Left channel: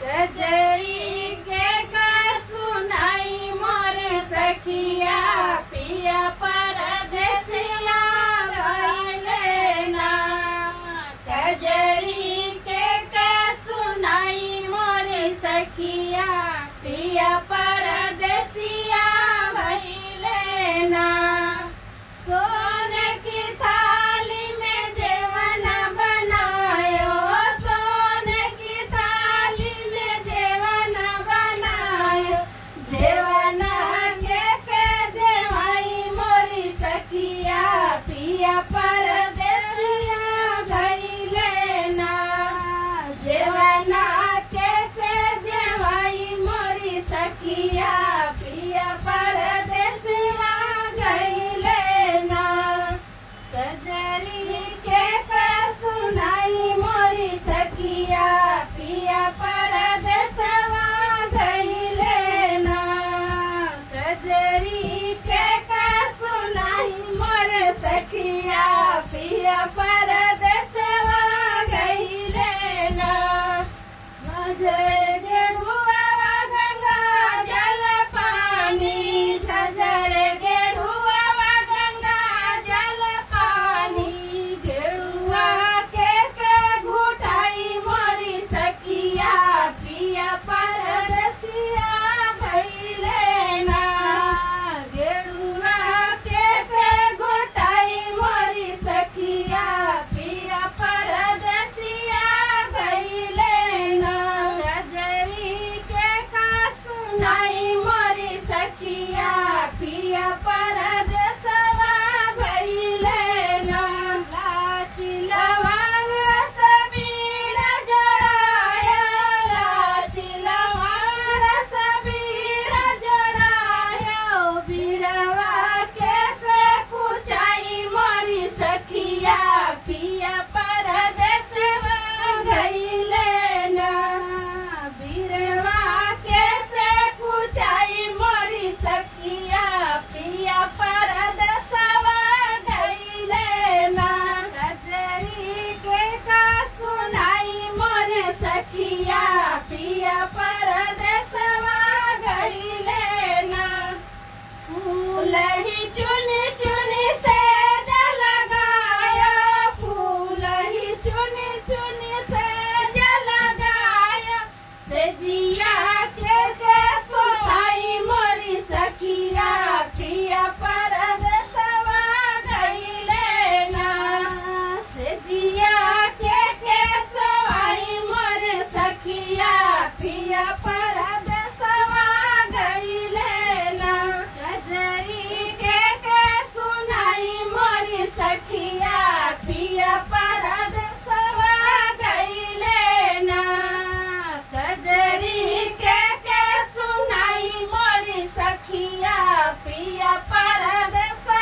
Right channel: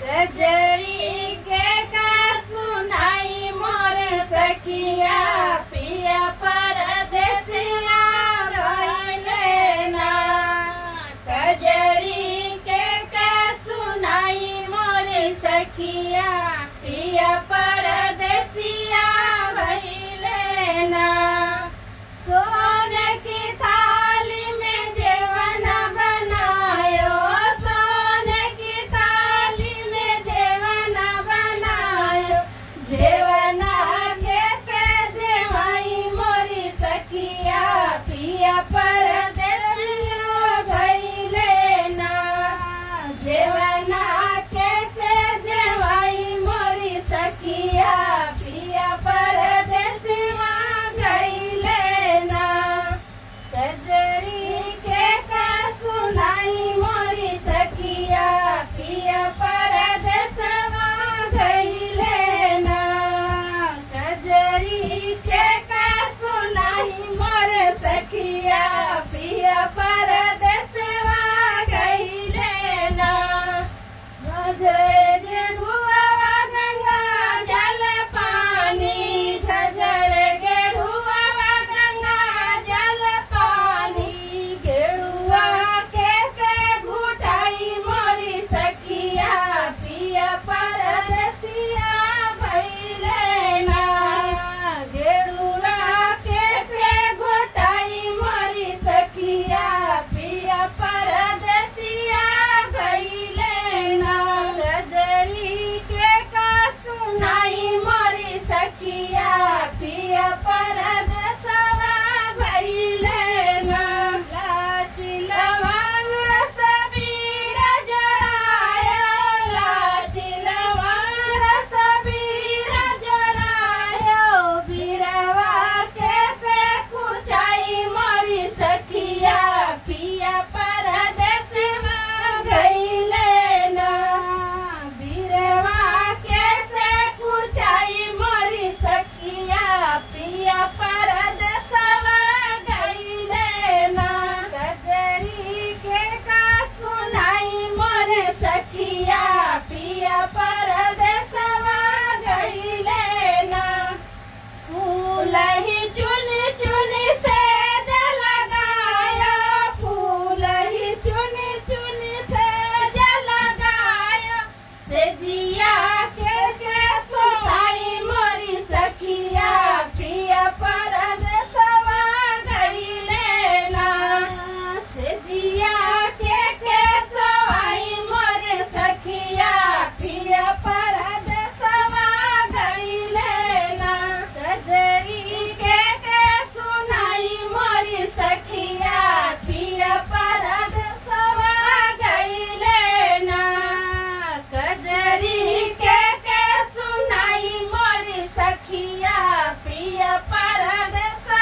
कजरी के का सुनाई मोर सखिया पिया परदेसिया गइले ना। कजरी के का सुनाई मोर सखिया पिया परदेसिया गइले ना। सोने की थाली में जेवन बनायो, सोने की थाली में जेवन बनायो। जेवन कैसे जेवाई मोरी सखिया पिया परदेसिया गइले ना। जेवन कैसे जेवाई मोरी सखिया पिया परदेसिया गइले ना। कजरी के का सुनाई मोरी सखिया पिया परदेसिया गइले ना। कजरी के का सुनाई मोर सखिया पिया परदेसिया गइले ना।